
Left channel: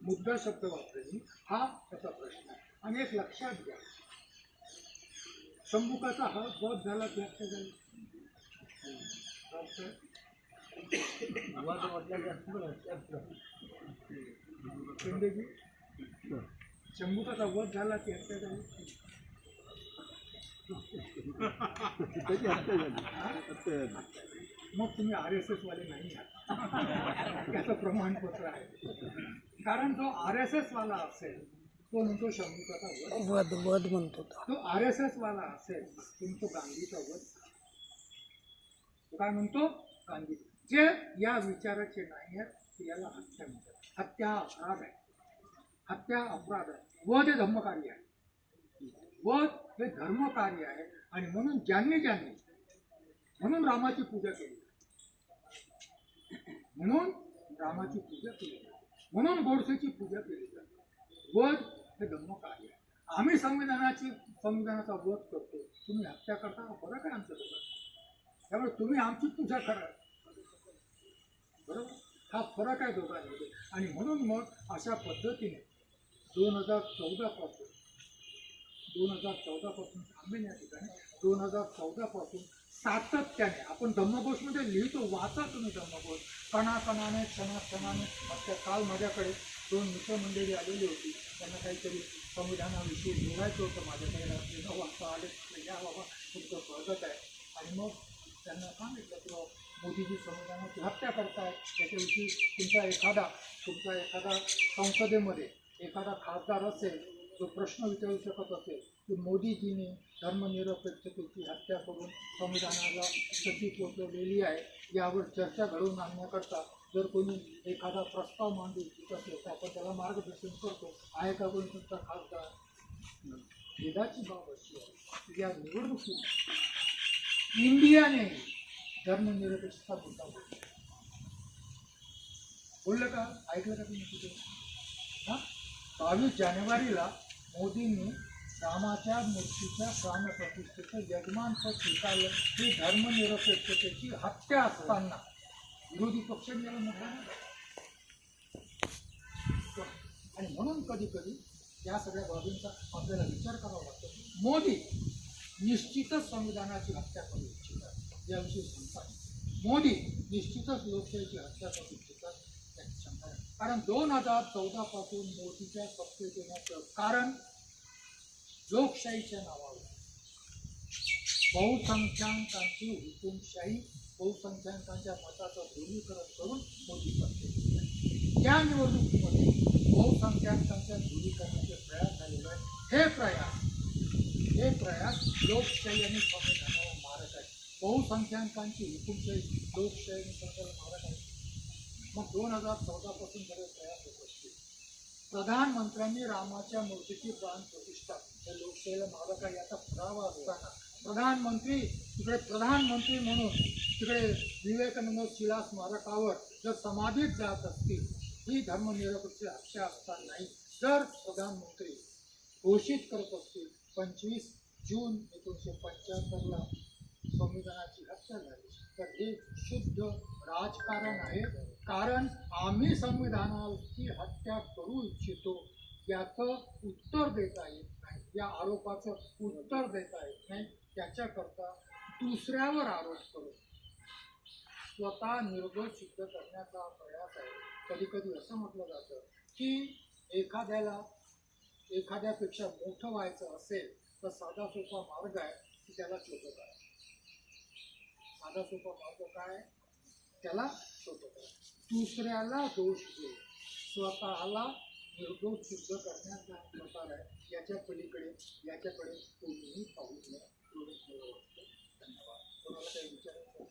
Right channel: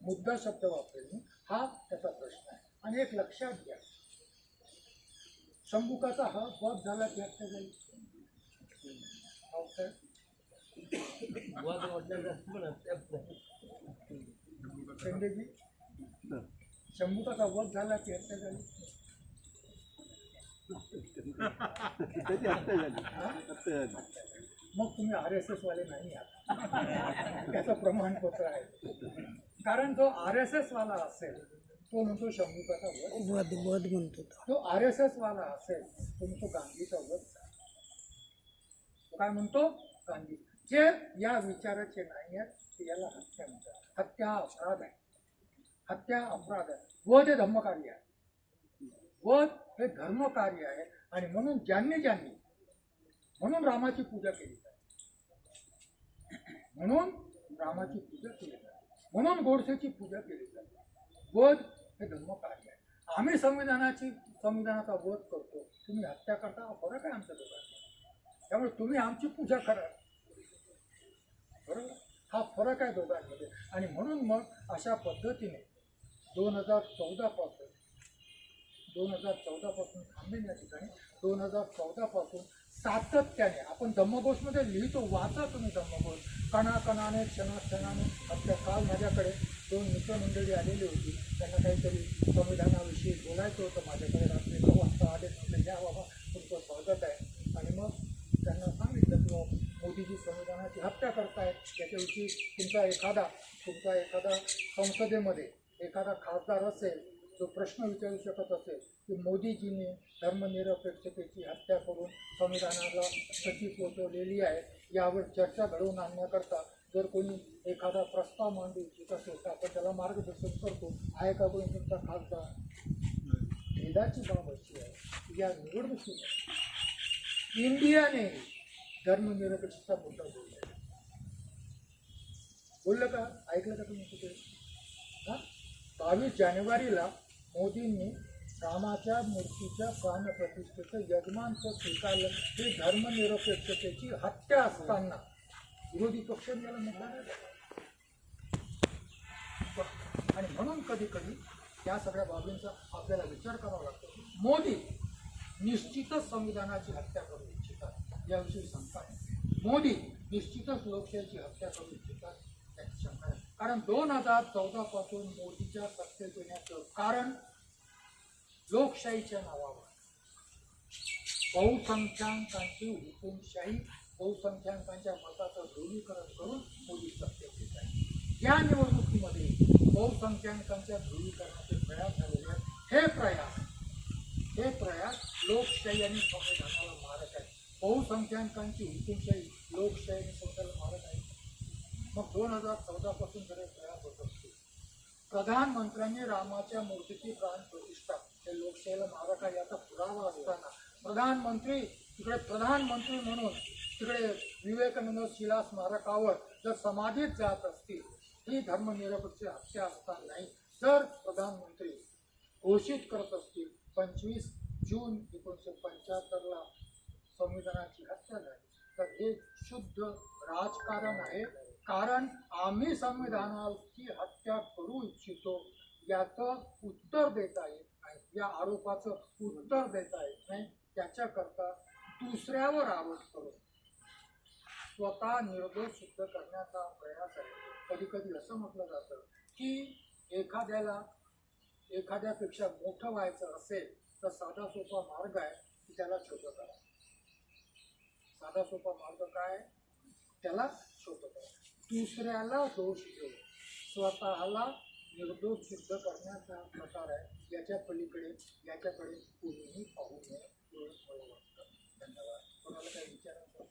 मुद्दा शब्द वापरणे हा त्याचा प्रश्न आहे. आणि एक लक्षात घ्या, शंभुकाचा हा वध झाला की हत्या झाली? शंभुकाचा वध झाला की हत्या झाली? मग तुम्ही RSS वाले नाही आहात, त्याचं प्रमाणपत्र आहे. कारण जो RSS वाला असेल तो म्हणतो शंभुकाचा वध म्हणतो, तो RSS वाला असेल तो म्हणतो गांधीचा वध. काय म्हणतो? गांधी. जे या विचाराचे नाही आहेत ते याला हत्या म्हणतात. हत्या अपराध आहे, हत्या अपराध आहे. वध हे धर्मकार्य आहे, वध हे धर्मकार्य आहे. आणि म्हणून ज्यांनी म्हणून रामाची पूजा केली जाते, म्हणून रामाची पूजा केली जाते, म्हणून गोडसेची पूजा केली जाते. वध हे धर्मकार्य आहे. आम्ही संविधानाचा वध करतो, तुम्ही हत्या करता, हा फरक आहे आमच्या दोघांमध्ये. त्यामुळे तुम्ही आमची पूजा करा, बरोबर? हा फरक आहे दोघांमध्ये. आणि म्हणून मग अशा पद्धतीने 2014 पासून थांबेन या ठिकाणी. 2014 पासून सातत्याने आपण धम्मघोषमध्ये लिहितो, वाचा तुम्ही धम्मघोष. कणाकणाने क्षणाक्षणाने हत्या. काल माझ्याकडे 2 मित्रमंडळी आलेली होती, त्यांना काहीतरी संविधानाविषयी बोलायचं होतं. माझ्याकडे रात्री 9 वाजता आले, या बाबा तुमचं स्वागत आहे. आणि मग त्यांना सांगितलं की मोदीजी संविधानाची हत्या करतायत, त्याच्याविषयी तुमचा एखादा संसदेमध्ये एखादा खासदार असेल जो प्रश्न विचारू शकत असेल की मोदीजीने धर्मनिरपेक्षतेची हत्या करून संविधानाला क्षती पोचवलेली आहे, यावर चर्चा घडवून आणण्याकरता जर कोणी एखादा प्रस्ताव मांडू इच्छित असेल तर आपण त्याला मार्गदर्शन करतो. आहे का कोणी तुमचा खासदार? खेदाची बाब अशी आहे की या निवडणुकीत इंडियाने धर्मनिरपेक्षता मुद्दा बोललं का? ऐकलं का तुम्ही कुठे? 22 जानेवारीला मोदींनी रामाच्या मूर्तीच्या प्राणप्रतिष्ठेचं यजमानपद स्वीकारलं. ही धर्मनिरपेक्षतेची हत्या असताना विरोधी पक्षांनी याला मुद्दा नाही दिला. आणि म्हणून कधी कधी या सगळ्या बाबींचा आपल्याला विचार करावा लागतो. मोदी निश्चितच संविधानाची हत्या करू इच्छितात याविषयी शंका आहे. मोदी निश्चितच लोकशाहीची हत्या करू इच्छितात याची शंका आहे. कारण 2014 पासून मोदीच्या सत्तेत येण्याचं कारण लोकशाहीच्या नावावर बहुसंख्याकांची हुकुमशाही, बहुसंख्याकांच्या मताचं ध्रुवीकरण करून मोदी सत्तेत येत आहे. या निवडणुकीमध्ये बहुसंख्याकांच्या ध्रुवीकरणाचे प्रयास झालेले आहेत. हे प्रयास लोकशाही आणि संविधानाला मारक आहे. बहुसंख्याकांची हुकुमशाही लोकशाही आणि संविधानाला मारक आहे. मग 2014 पासून जर प्रयास होत असतील, प्रधानमंत्र्यांनी रामाच्या मूर्तीची प्राण प्रतिष्ठा या लोकशाहीला मारक आहे याचा पुरावा असताना प्रधानमंत्री म्हणून तिकडे विवेकानंद शिला स्मारकावर जर समाधीत जात असतील, ही धर्मनिरपेक्ष हत्या असताना नाही, जर प्रधानमंत्री घोषित करत असतील 25 जून 1975ला संविधानाची हत्या झाली, तर हे शुद्ध राजकारण आहे. कारण आम्ही संविधानाची हत्या करू इच्छितो याचं उत्तर देता येत नाही, या आरोपाचं उत्तर देता येत नाही. त्याच्याकरता दुसऱ्यावर आरोप करून स्वतः निर्दोष सिद्ध करण्याचा प्रयास आहे. कधी कधी असं म्हटलं जातं की एखाद्यापेक्षा मोठं व्हायचं असेल तर साधा सोपा मार्ग आहे की त्याला छोटं करा. साधा सोपा मार्ग काय? त्याला छोटं करा. दुसऱ्याला दोष देऊ, स्वतःला निर्दोष सिद्ध करण्याचा प्रकार आहे. याच्याकडे कोणीही पाहू नये एवढंच मला वाटतं. धन्यवाद. कोणाला काही विचारायचं आहे?